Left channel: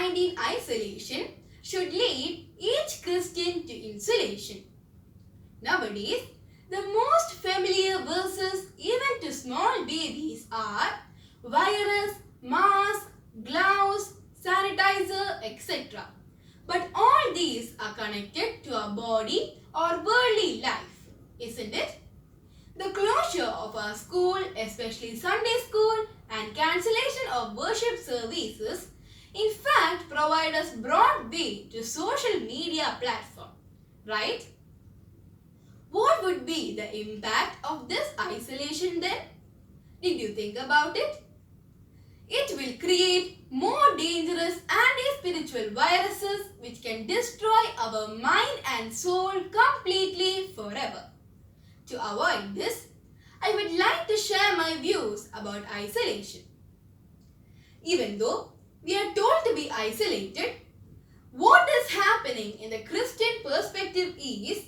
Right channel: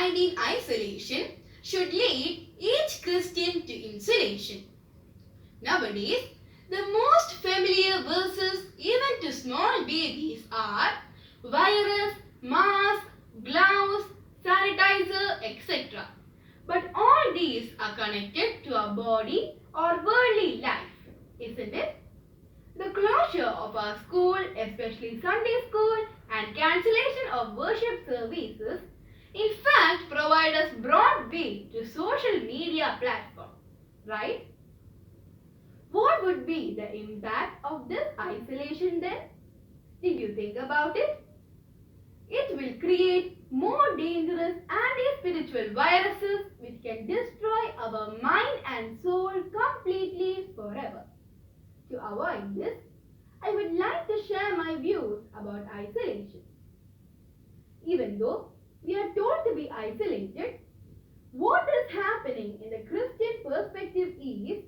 COVID-19 isolation should lead each Christian to insulation. Nowadays, the most familiar verses even to small babies are virus, mask, gloves, sanitizer, etc. But all these are connected to our body or worldly life, isn't it? The closure of our school, especially Sunday school, and cancellation of worship services, in fact, provide us broad way to social media platform, right? What would be the impact of this isolation then? Did you think about it? It will create more dangerous anti-spiritual viruses which can destroy our mind and soul completely forever. To avoid this, I would like to share my views about isolation. Even though we are told to be isolated, what is happening in the Christian perspective is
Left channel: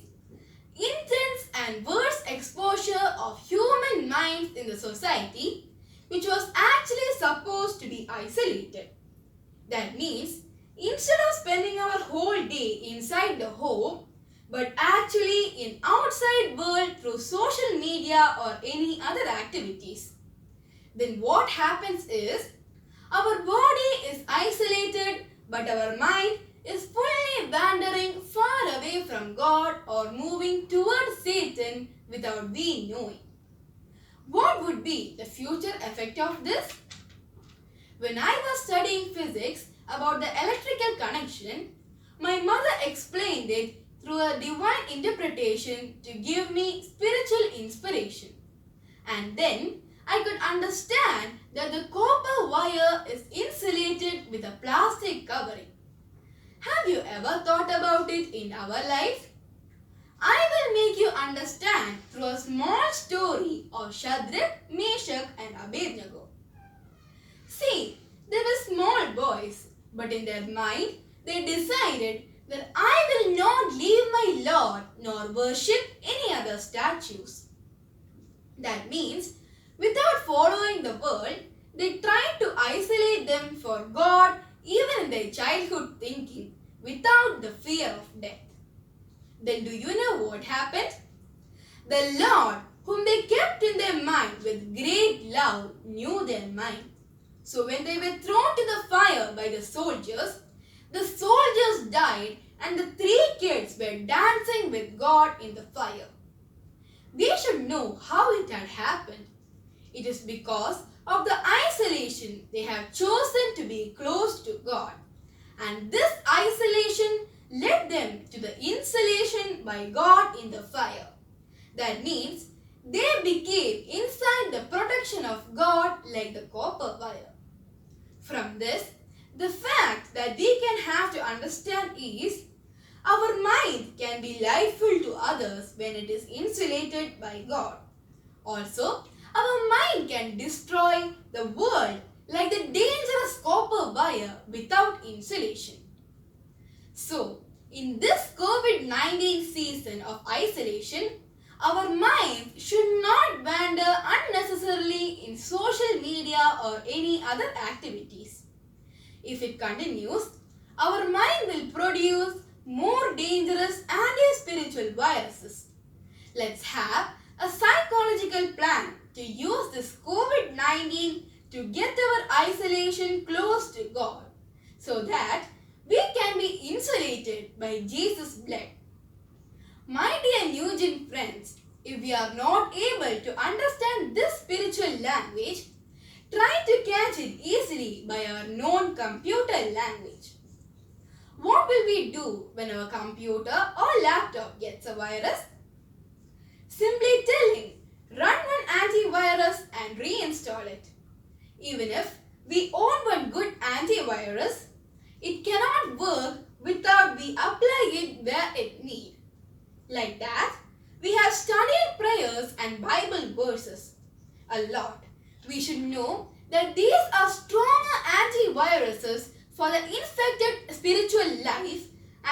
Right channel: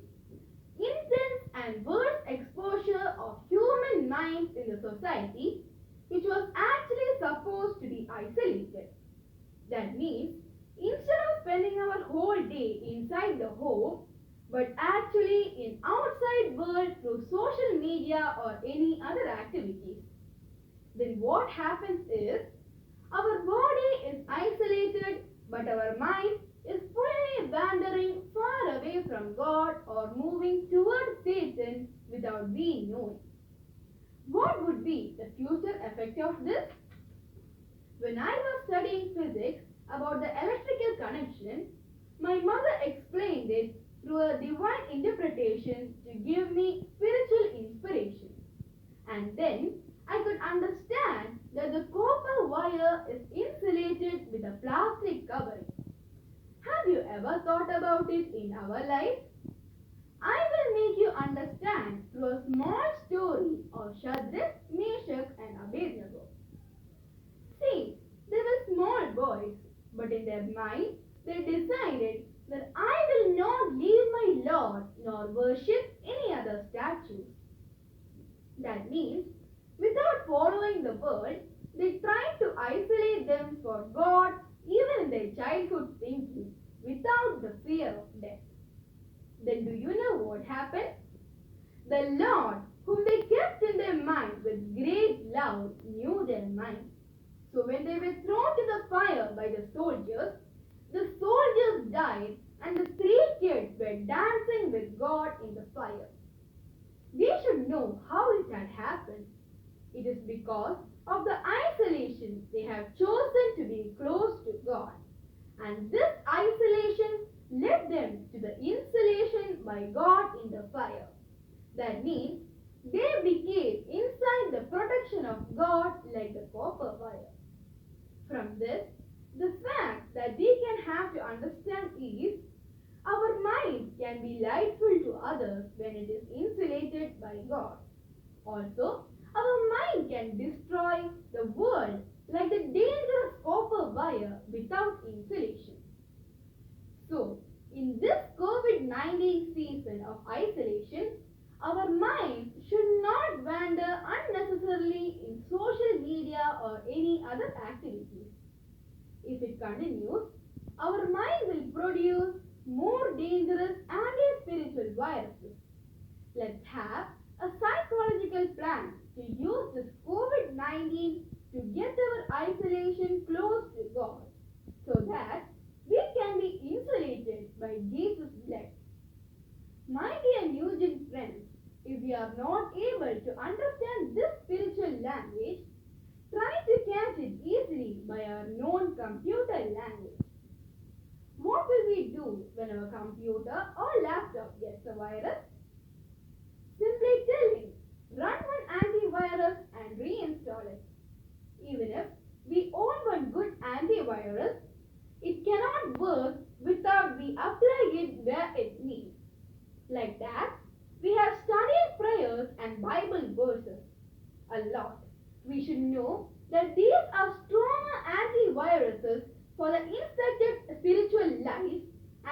intense and worse exposure of human minds in the society which was actually supposed to be isolated. That means instead of spending our whole day inside the home, but actually in outside world through social media or any other activities, then what happens is our body is isolated but our mind is fully wandering far away from God or moving towards Satan without we knowing. What would be the future effect of this? When I was studying physics about the electrical connection, my mother explained it through a divine interpretation to give me spiritual inspiration. And then I could understand that the copper wire is insulated with a plastic covering. Have you ever thought about it in our life? I will make you understand through a small story of Shadrach, Meshach and Abednego. See, they were small boys, but in their mind they decided that I will not leave my Lord nor worship any other statues. That means, without following the world, they tried to isolate them for God even in their childhood thinking, without the fear of death. Then do you know what happened? The Lord, whom they kept in their mind with great love, knew their mind. So when they were thrown to the fire by the soldiers died and the 3 kids were dancing with God in the fire. We should know how it had happened. It is because of the isolation they have chosen to be close to God. And this isolation led them to the insulation by God in the fire. That means they became inside the protection of God like the copper wire. From this, the fact that we can have to understand is our mind can be lightful to others when it is insulated by God. Also, our mind can destroy the world like the dangerous copper wire without insulation. So, in this COVID-19 season of isolation, our mind should not wander unnecessarily in social media or any other activities. If it continues, our mind will produce more dangerous anti-spiritual viruses. Let's have a psychological plan to use this COVID-19 to get our isolation close to God so that we can be insulated by Jesus' blood. My dear New Gen friends, if we are not able to understand this spiritual language, try to catch it easily by our known computer language. What will we do when our computer or laptop gets a virus? Simply tell him, run one antivirus and reinstall it. Even if we own one good antivirus, it cannot work without we apply it where it needs. Like that, we have studied prayers and Bible verses a lot. We should know that these are stronger antiviruses for the infected spiritual life,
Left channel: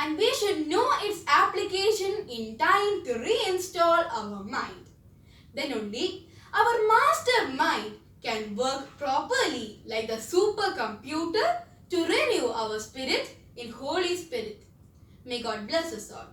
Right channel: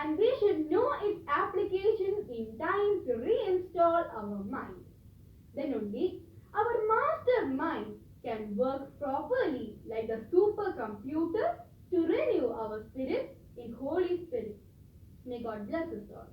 and we should know its application in time to reinstall our mind. Then only our master mind can work properly like a supercomputer to renew our spirit in Holy Spirit. May God bless us all.